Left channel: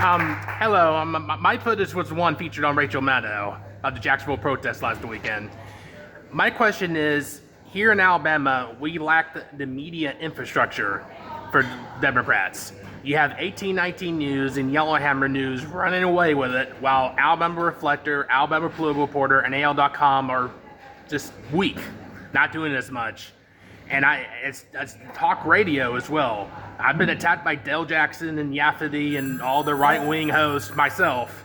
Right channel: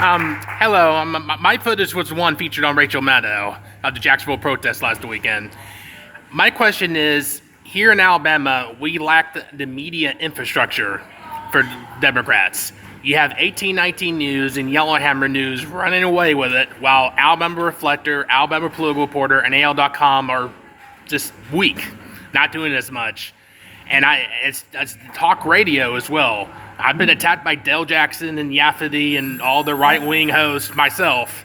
Hello. My footage was one featured on Rachel Maddow of the Jacksonville protest last weekend. My question is, here in Alabama, we lack the media infrastructure for Democrats. You have 1819 News and Yellowhammer News running away with it, while Alabama Reflector, Alabama Political Reporter, and AL.com are just weak, not doing as much. And it's talk radio as well. I've been attacked by Dale Jackson and Yafferty and all the right-wing hosts myself.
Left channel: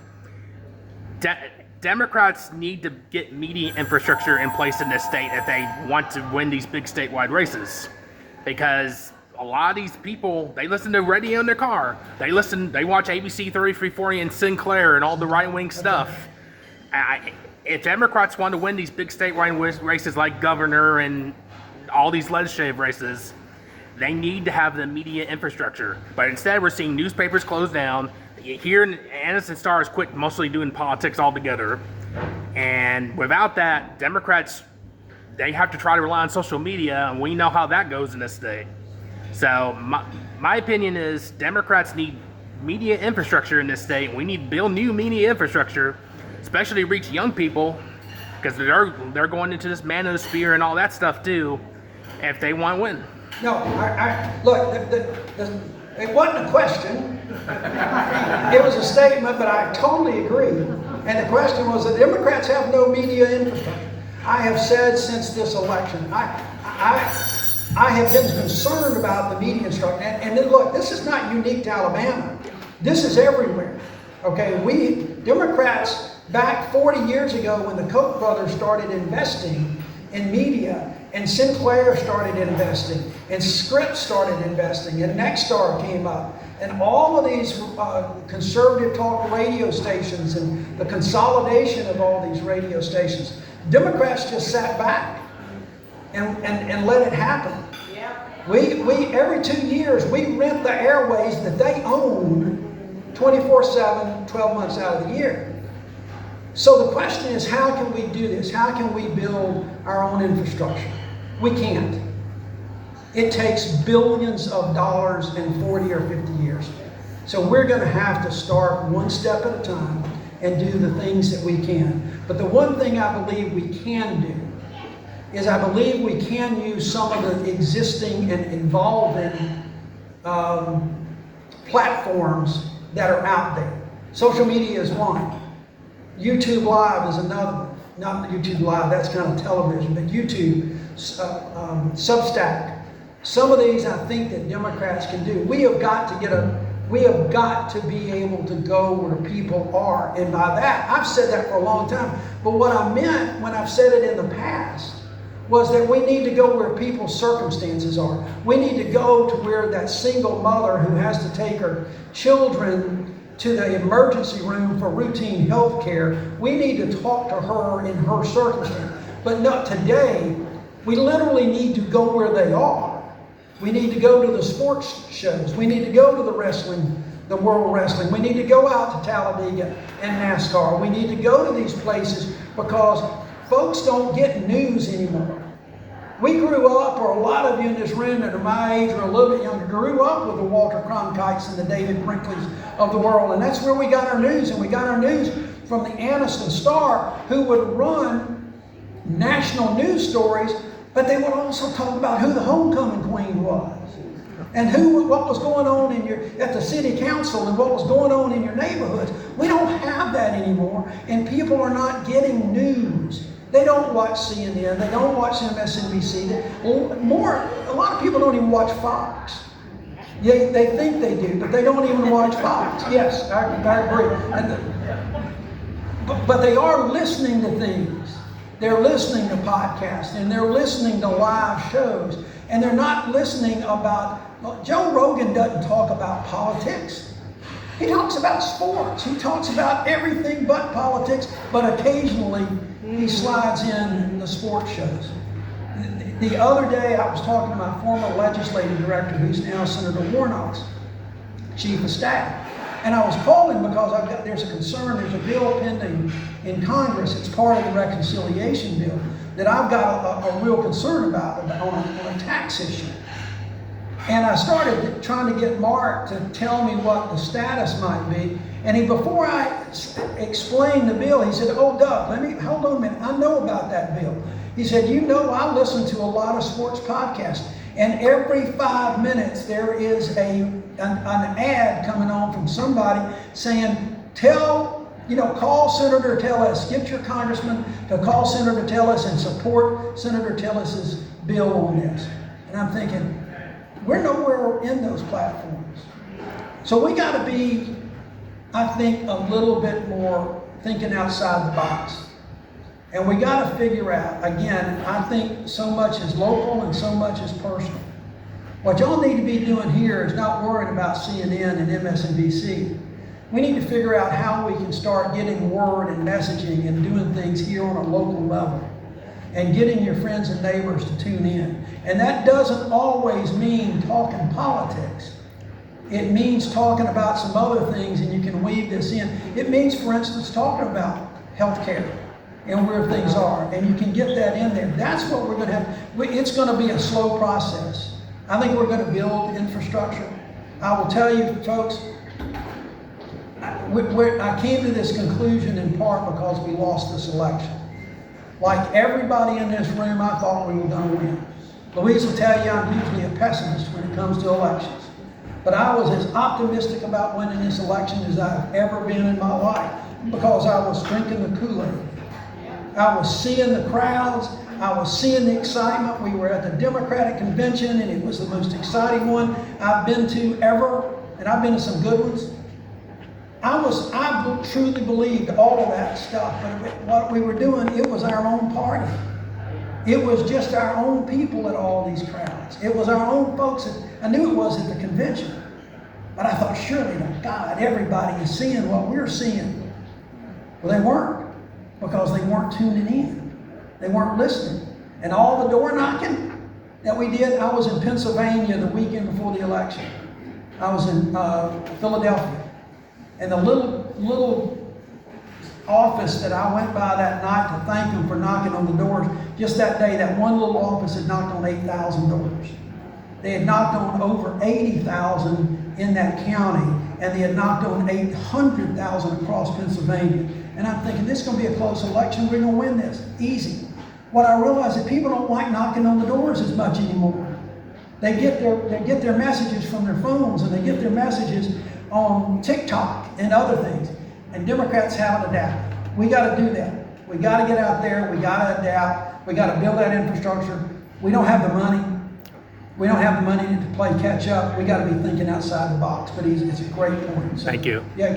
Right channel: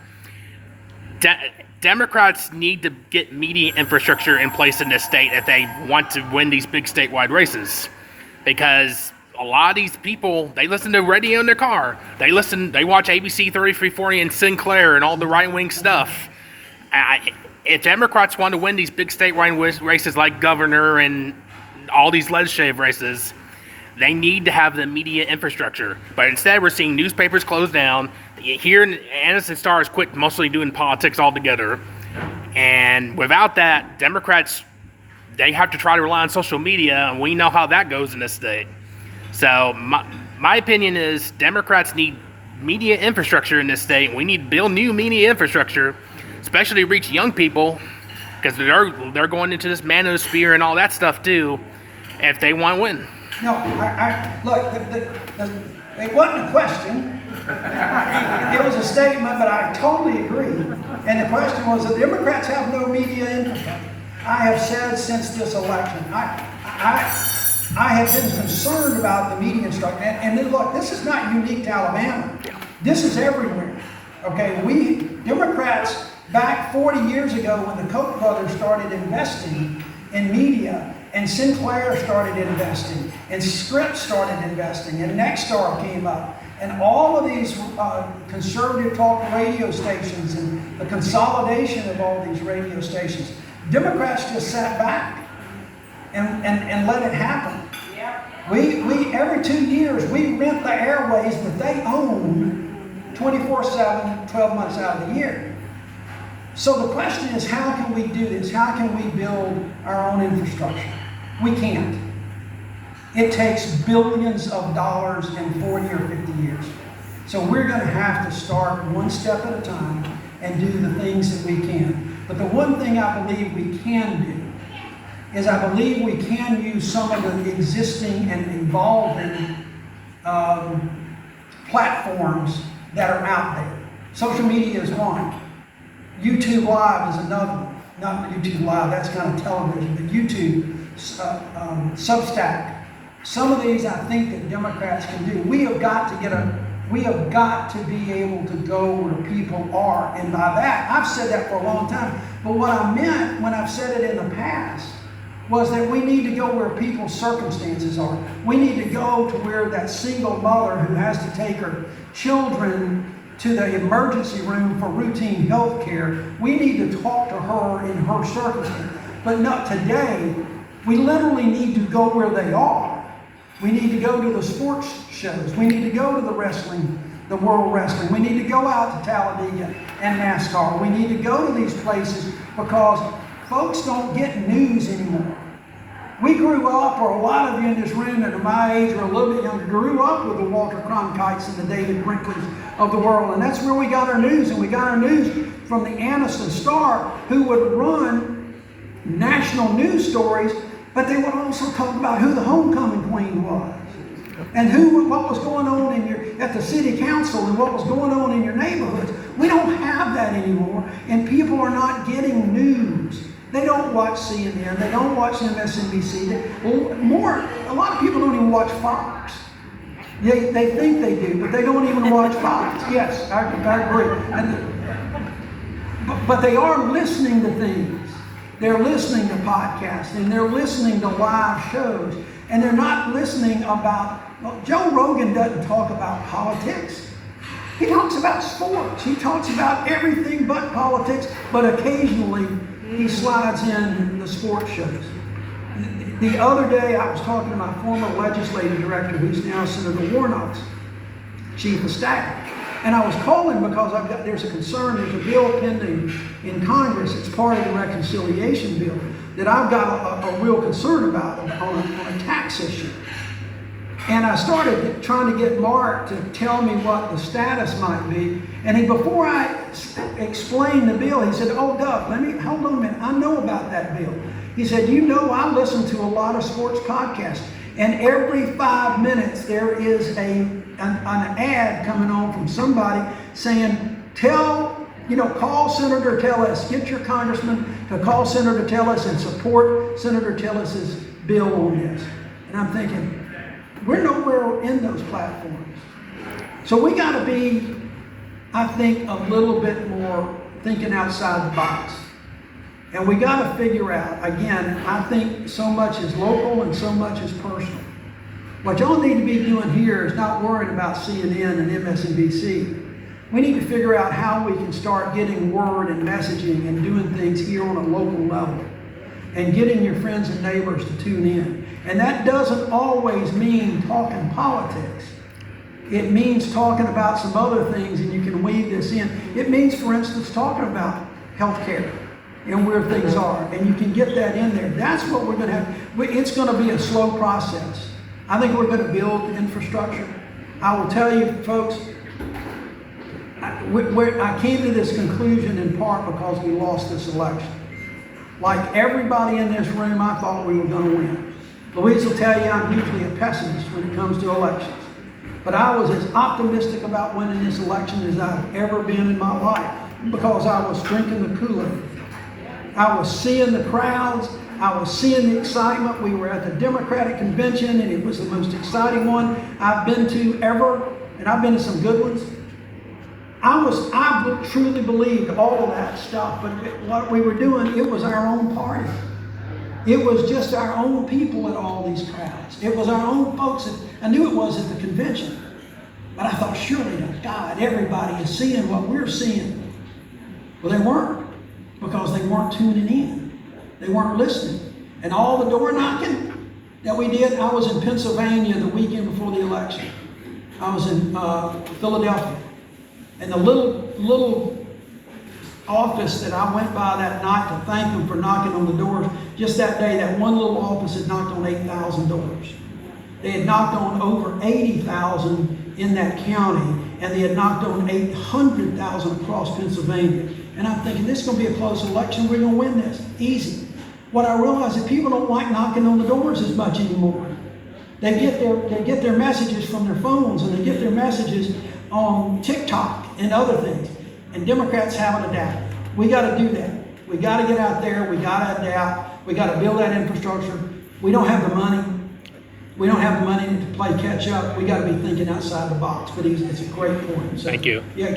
Democrats need to get media infrastructure in place in this state if they want to win these big statewide races. Because a lot of these people, they listen to radio in their car. They watch ABC 3340 and Sinclair and all the right-wing stuff. If Democrats want to win these big statewide races like governor and all these legislative races, they need to have the media infrastructure. But instead, we're seeing newspapers close down. Here in Anniston Star has quit mostly doing politics altogether. And without that, Democrats, they have to try to rely on social media, and we know how that goes in this state. So my opinion is Democrats need media infrastructure in this state. We need to build new media infrastructure, especially to reach young people, because they're going into this manosphere and all that stuff too, if they want to win. No, look, it wasn't a question. It was a statement, but I totally agree. And the question was, the Democrats have no media infrastructure. I have said since this election, I have been concerned about the media structure. And then look, this is not unique to Alabama. This is everywhere. Okay, we Democrats back 40 years ago when the Koch brothers started investing in media, and Sinclair started investing, and Scripps started investing, and Nexstar came up, and all of these conservative talk radio stations and the consolidation of all these radio stations. Democrats just sat back and let it happen. We every 2 years, we rent the airways that they own 24/7, 12 months out of the year. So the question is, how can we do this? How can we build our own infrastructure? We can't. It takes billions of dollars in 40 or 50 years. So we're going to have to start one step at a time and do the things that we can. But the one thing I believe we can do is I believe we can use some of the existing and evolving platforms that are out there. Social media is one. YouTube Live is another one. Not YouTube Live, that's kind of television, but YouTube, Substack. Some of these I think that Democrats can do. We have got to be able to go where people are. And by that, I've said that for a long time. But what I meant when I've said it in the past was that we need to go where people's circumstances are. We need to go to where that single mother who has to take her children to the emergency room for routine health care, we need to talk to her in her circumstance. But not today, we literally need to go where they are. We need to go to the sports shows. We need to go to the wrestling, the World Wrestling. We need to go out to Talladega and NASCAR. We need to go to these places because folks don't get news anymore. We grew up, or a lot of you in this room that are my age or a little bit younger, grew up with the Walter Cronkites and the David Brinkleys of the world. And that's where we got our news. And we got our news from the Anniston Star, who would run national news stories, but they would also talk about who the homecoming queen was. And what was going on at the city council and what was going on in your neighborhoods. We don't have that anymore. And people are not getting news. They don't watch CNN, they don't watch MSNBC. A lot of people don't even watch Fox. They think they do, but they don't even watch Fox. Yes, I agree. But they are listening to things. They're listening to podcasts, and they're listening to live shows, and they're not listening about, well, Joe Rogan doesn't talk about politics. He talks about sports. He talks about everything but politics, but occasionally he slides in the sports shows. The other day I was talking to my former legislative director, who's now Senator Warnock's chief of staff. And I was calling because there's a concern, there's a bill pending in Congress, it's part of the reconciliation bill, that I've got a real concern about on a tax issue. And I started trying to get Mark to tell me what the status might be. And before I explained the bill, he said, "Oh, Doug, hold on a minute. I know about that bill." He said, "You know, I listen to a lot of sports podcasts, and every 5 minutes there is an ad coming on from somebody saying, call Senator Tillis, get your congressman to call Senator Tillis and support Senator Tillis's bill on this." And I'm thinking, we're nowhere in those platforms. So we got to be, I think, a little bit more thinking outside the box. And we got to figure out, again, I think so much is local and so much is personal. What y'all need to be doing here is not worrying about CNN and MSNBC. We need to figure out how we can start getting word and messaging and doing things here on a local level, and getting your friends and neighbors to tune in. And that doesn't always mean talking politics. It means talking about some other things, and you can weave this in. It means, for instance, talking about healthcare and where things are, and you can get that in there. That's what we're going to have. It's going to be a slow process. I think we're going to build infrastructure. I will tell you, folks, I came to this conclusion in part because we lost this election. Like everybody in this room, I thought we were going to win. Louise will tell you I'm usually a pessimist when it comes to elections. But I was as optimistic about winning this election as I've ever been in my life, because I was drinking the Kool-Aid. I was seeing the crowds. I was seeing the excitement. We were at the Democratic convention, and it was the most exciting one I've been to ever, and I've been to some good ones. I truly believed all of that stuff, but what we were doing, it was our own party. It was just our own people at all these crowds. It was our own folks. I knew it was at the convention, but I thought, surely to God, everybody is seeing what we're seeing. Well, they weren't, because they weren't tuning in. They weren't listening. And all the door knocking that we did, I was in Pennsylvania the weekend before the election. I was in Philadelphia. And the little office that I went by that night to thank them for knocking on the doors, just that day, that one little office had knocked on 8,000 doors. They had knocked on over 80,000 in that county, and they had knocked on 800,000 across Pennsylvania. And I'm thinking, this is going to be a close election. We're going to win this. Easy. What I realized is people don't like knocking on the doors as much anymore. They get their messages from their phones, and they get their messages on TikTok and other things. And Democrats haven't adapted. We got to do that. We got to get out there. We got to adapt. We got to build that infrastructure. We don't have the money. We don't have the money to play catch up. We got to be thinking outside the box. But it's a great point. So, Thank you. Yeah.